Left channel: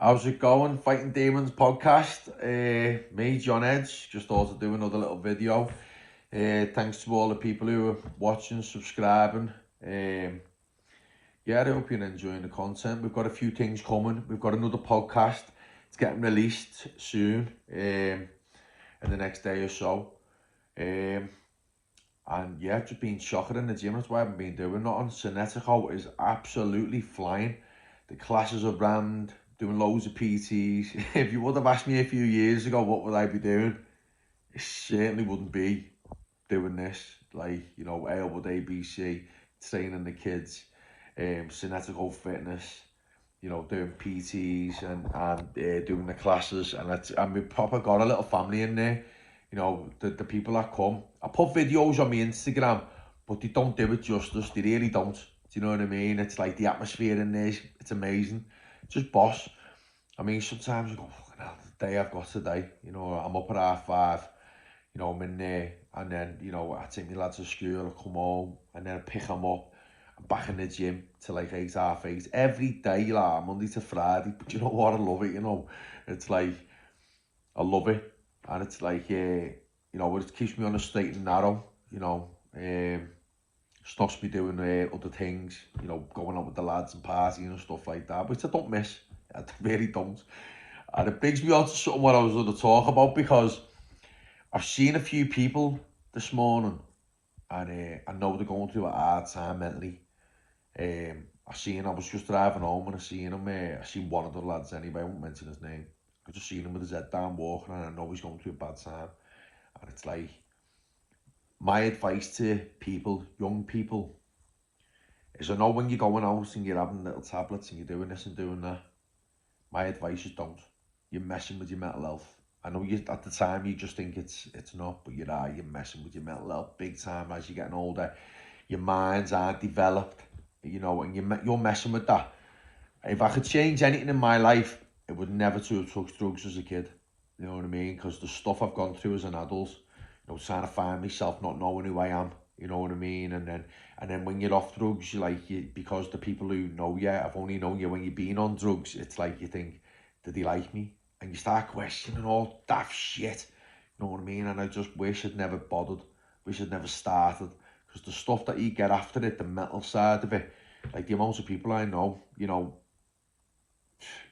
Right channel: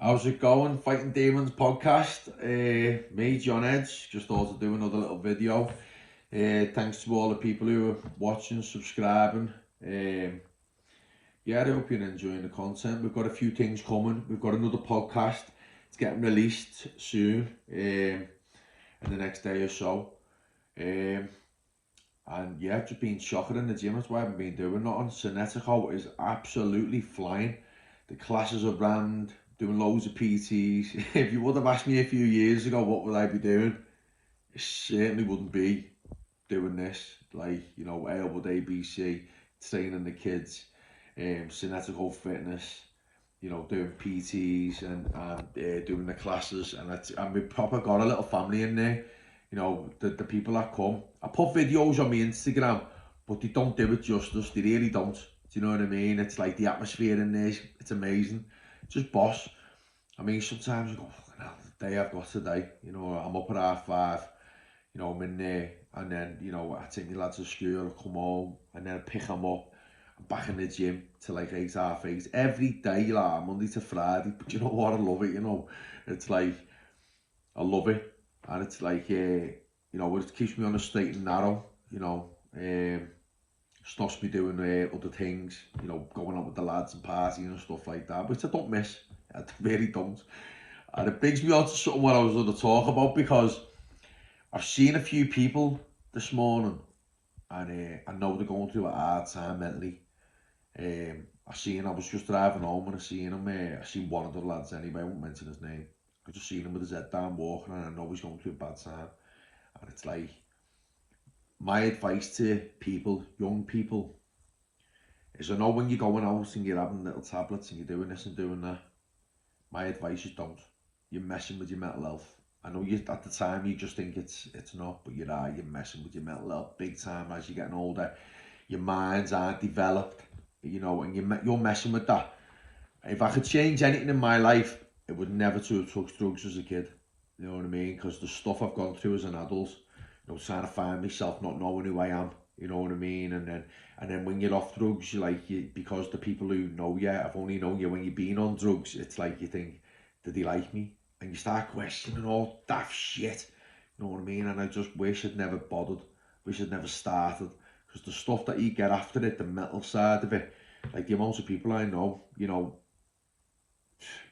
How's it going? Fighting Demons podcast. Me, John Edge, just thought to do another little video. Thanks to all the people who are watching, subscribing. Yeah, I hope you're enjoying the content. We've got a few things coming. We've got another podcast. It's getting released soon, in the next day or so. And yeah, just been shocking in the gym. That's why I haven't been doing nothing. Synetico is absolutely flying. The classes are rammed. Doing loads of PTs. If you would have asked me a few years ago what would I be doing, it certainly wouldn't be doing this. Like, you know, Aylwood ABC, training the kids, Synetico Fitness, you know, doing PTs and doing the classes. And we proper got a little family in there. You know, the people that come. I put videos on my Instagram, but they don't do it justice. They really don't. Do you know what I mean? It's like the atmosphere in there, it's amazing. Just boss. I mean, sometimes you go, fucking hell, the day I've got today, you know, I'm up at 5:30, you know, I'm in there, and then, you know, I take my lads to school, I come home, and then I pick them up, I'm back in the gym till like 8, 8:30, every day, like, Monday to Friday, but you know what, I love it, you know, it's like, I love it, and it's like, you know, it keeps me on the straight and narrow, you know, stops me doing other things, you know, going out with the lads and partying and stuff like that, which I don't miss. I really don't. And it brings me on to something what I was going to talk about, because I've seen a few people this morning, and I know they're going through a hard time mentally. I was just driving home and I seen him, I seen one of the lads anyway, I won't mention his name. I just seen him with his head down walking, and I know he's going through a bad time. And it's like, my advice to people, young people, is I know when you're going out and you're having little tablets and you're doing this and doing that, my advice is don't. You're messing with your mental health. I know you at the time you just think it's not, but you're messing with your mental health big time as you're getting older. Your minds aren't developed, you know, and you're messing with that. If I could change anything in my life, it would never to have took drugs as a kid. You know what I mean? Because the stuff I've gone through as an adult, you know, trying to find myself, not knowing who I am, you know what I mean? And then when you're off drugs, because the people who know you, I've only known you when you've been on drugs, it's like you think, did he like me? And you start questioning all daft shit, you know what I mean? And I just wish I'd never bothered, wish I'd never started, because the stuff that you get after it, the mental side of it, like the amounts of people I know, you know,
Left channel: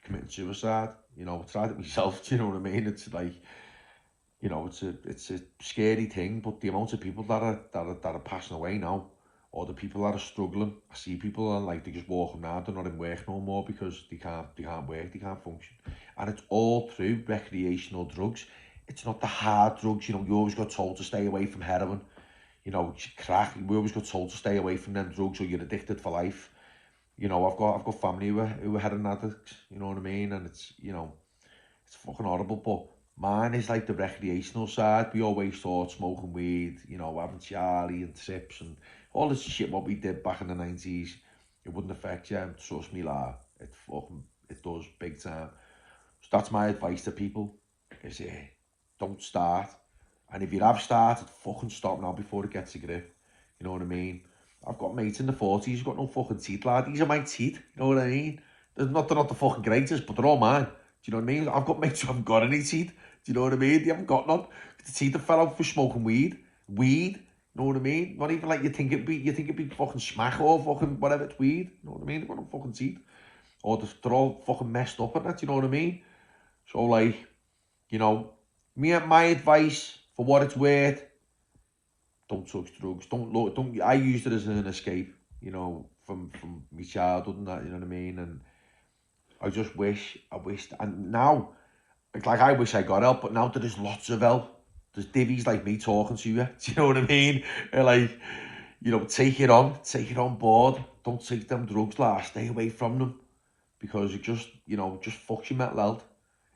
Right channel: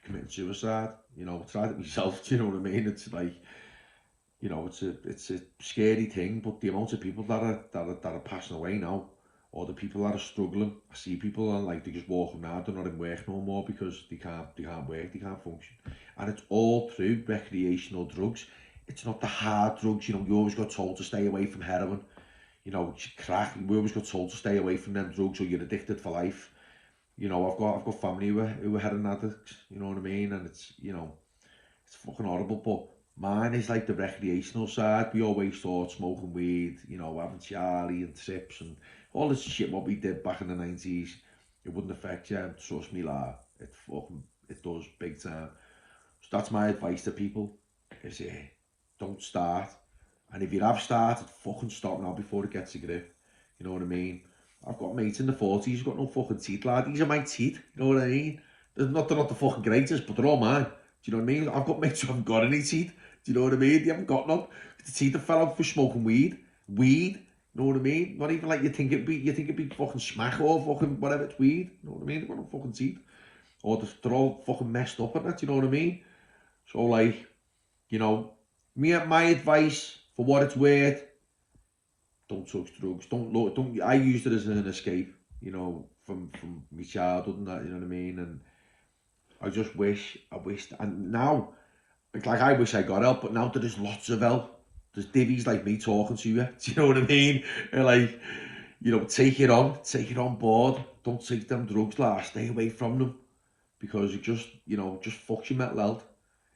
committing suicide, you know, I tried it myself, do you know what I mean? It's like, you know, it's a scary thing, but the amount of people that are passing away now, or the people that are struggling, I see people and like they just walking around, they're not in work no more because they can't work, they can't function, and it's all through recreational drugs. It's not the hard drugs, you know. You always got told to stay away from heroin, you know, crack. We always got told to stay away from them drugs or you're addicted for life. You know, I've got family who are heroin addicts, you know what I mean, and it's, you know, it's fucking horrible, but mine is like the recreational side. We always thought smoking weed, you know, having Charlie and trips and all this shit what we did back in the 90s, it wouldn't affect you. Trust me, lad, it does big time. So that's my advice to people, is don't start. And if you have started, fucking stop now before it gets a grip. You know what I mean? I've got mates in the 40s who've got no fucking teeth, lad. These are my teeth, you know what I mean? They're not the fucking greatest, but they're all mine. Do you know what I mean? I've got mates who haven't got any teeth. Do you know what I mean? They haven't got none. The teeth have fell out for smoking weed. Weed, you know what I mean? Not even like you think it'd be fucking smack or fucking whatever, it's weed. You know what I mean? They've got no fucking teeth. Or they're all fucking messed up at that, you know what I mean? So like, you know, my advice, for what it's worth, don't touch drugs. Don't. I used it as an escape, you know, from my childhood and that, you know what I mean? And I wished, and now, like I wish I got help, but now there's lots of help. There's divvies like me talking to you, do you know what I mean? Like, you know, take it on board. Don't take them drugs, lad. Stay away from them, because it just, you know, just fucks your mental health.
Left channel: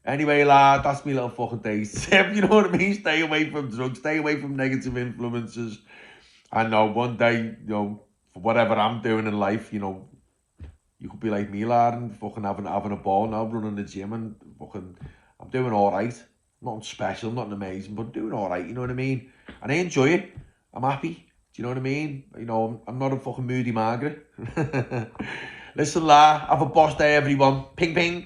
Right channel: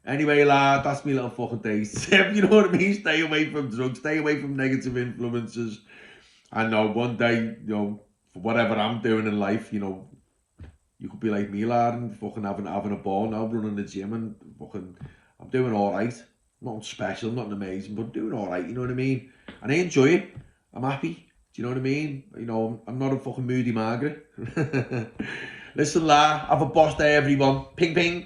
Anyway, lad, that's me little fucking days. You know what I mean? Stay away from drugs, stay away from negative influences. I know one day, you know, for whatever I'm doing in life, you know, you could be like me, lad, and fucking having a ball now, running the gym, and fucking, I'm doing all right. Nothing special, nothing amazing, but doing all right, you know what I mean? And I enjoy it. I'm happy. Do you know what I mean? You know, I'm not a fucking moody Margaret. Listen, lad, have a boss day, everyone. Ping, ping.